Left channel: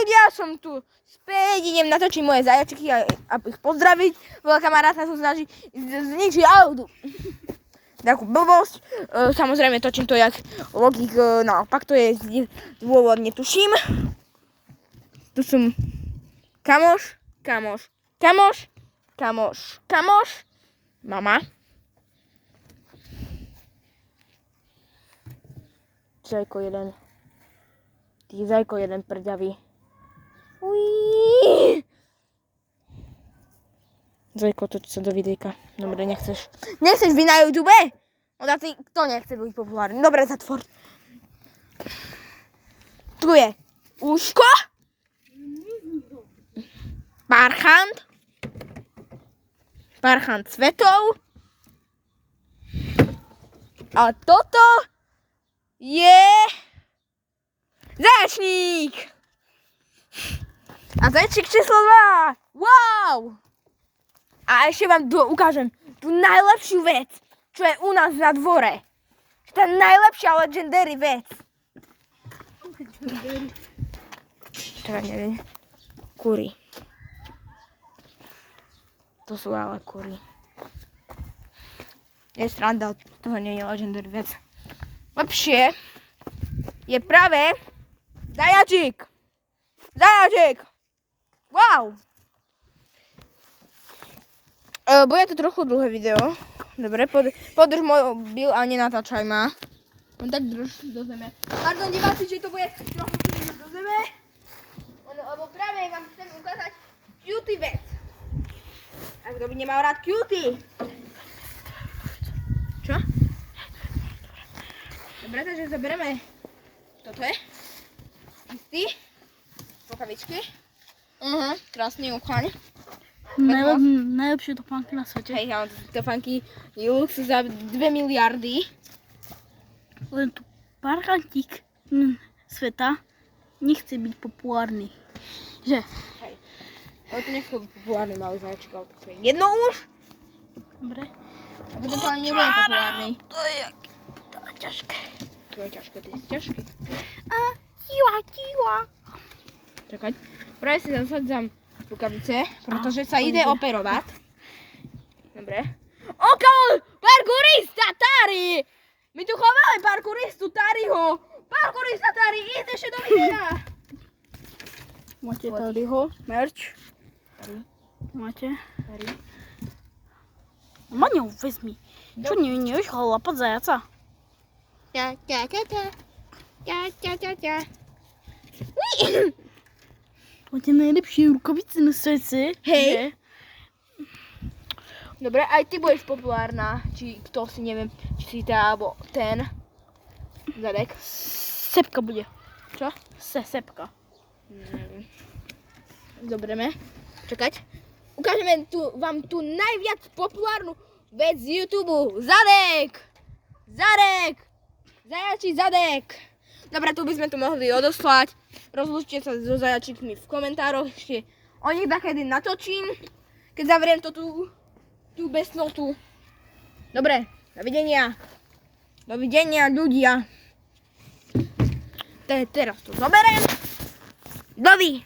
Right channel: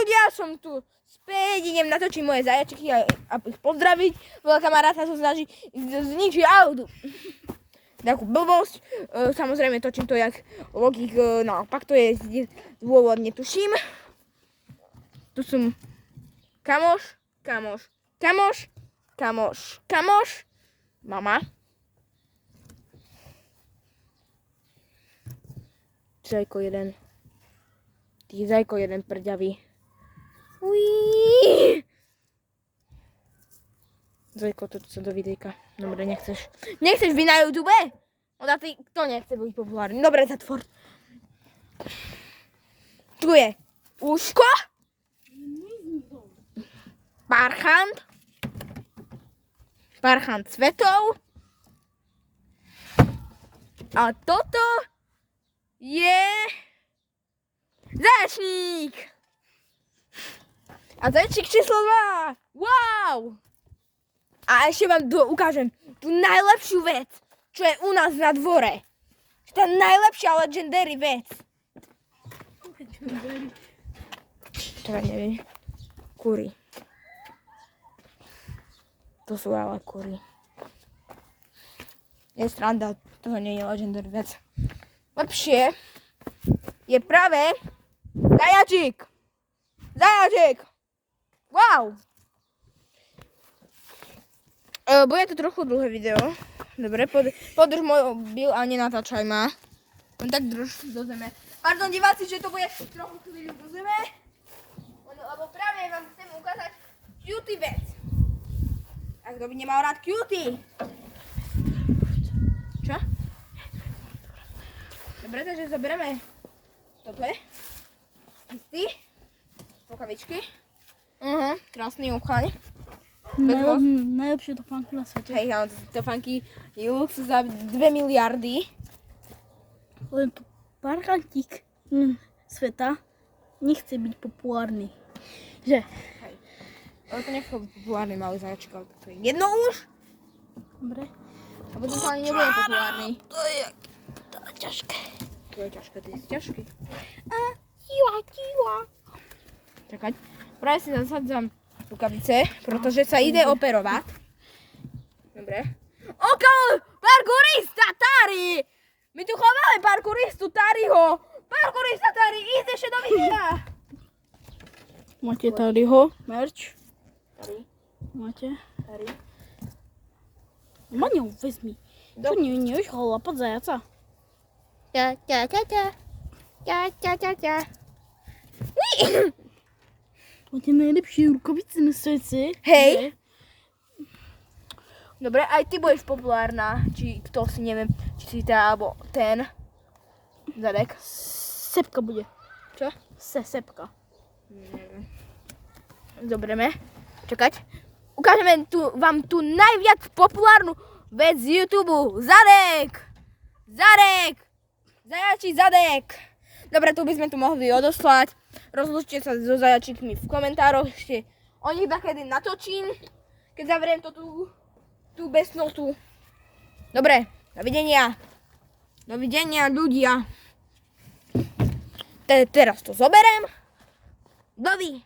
ľudia, som tu späť, idem natočiť moje zajačiky a ich pozdraviť. Veľa kamaráta sa snaží zničiť autu. Takú blbosť. Samozrejme točím to jak logik, naopak to je dôvod, netuším. Tu som kamoš, mama. Zajko jeden. Ty zajko jeden prďavý. Uííí. Zajko, toč sa do videjka. Dobre, nechceš. Nechceš vy na YouTube? Oda ty, kto nechce byť populárny? Dobre, zatvor. Tu je uško. Parchant cvetov. A toto je zajačník. A zajačník číslo 2. Wow! A ešte vám ukážem tú najlepšiu vec, čo je u nás na dvore. Tá najlepšia legendary vec. Teda neviem. Kury. To sú ale kury. Je sranda, toho nie je legendary vec. Lepšie je práve zajačík. Wow. Bude to trochu dlhé video. Dobre, podrž mobil a nenatáčaj ma. On tak drž do zeme. Pardon diváci, že to bude trochu do zeme. Lebo práve vám chcem ukázať cutie vec. A kto by nemal rád cutie? Čo? Dobre, takže zoberieme toto je. Istý. Rukavičky. Krásny uchaň. Najlepšie topánky na svete. Hej, ja mám topánky Lux za 2 miliardy. Len tu parchantík sveta nechce byť populárny. Že? Hej. Ale to nechce byť populárny malý zajačik, ale to je jedno už. Dobre. A potom to ani nebude populárny. To je ťažké. To je ťažké, to je ťažké. A tiwa. Čakať. Práve si zasadzam rukavice, pretože sa ide operovať. Dobre. Okolo! Parkourista Tari! My tu chováme parkouristu Tariho! Parkourista Tari, ísť ešte do videa! Máte Tariho merch? Máte? Maňo, vezmi. Čo nevieš chlapať zajaca? Máte najlepšie rukavice na svete. Hej. Dobre, aj ty budeš populárna, či kto si, neviem, či si tá, alebo ten. Zadek. Sepka bude. Čo? Sepka. Zoberieme. Čakať. Ukážeme vám tú najviac populárnu vec z YouTube. Zadek! Zajačí zadek! Dobre, tu by sme tu mohli odoslať. Rozlúčte sa so zajačíkmi v komentároch. Ešte o nich takedy natočím, keď zavriem to tú besnotu. Dobre, dovidenia. Dovidenia, ľudia. Teraz to zoberiem. Dovi.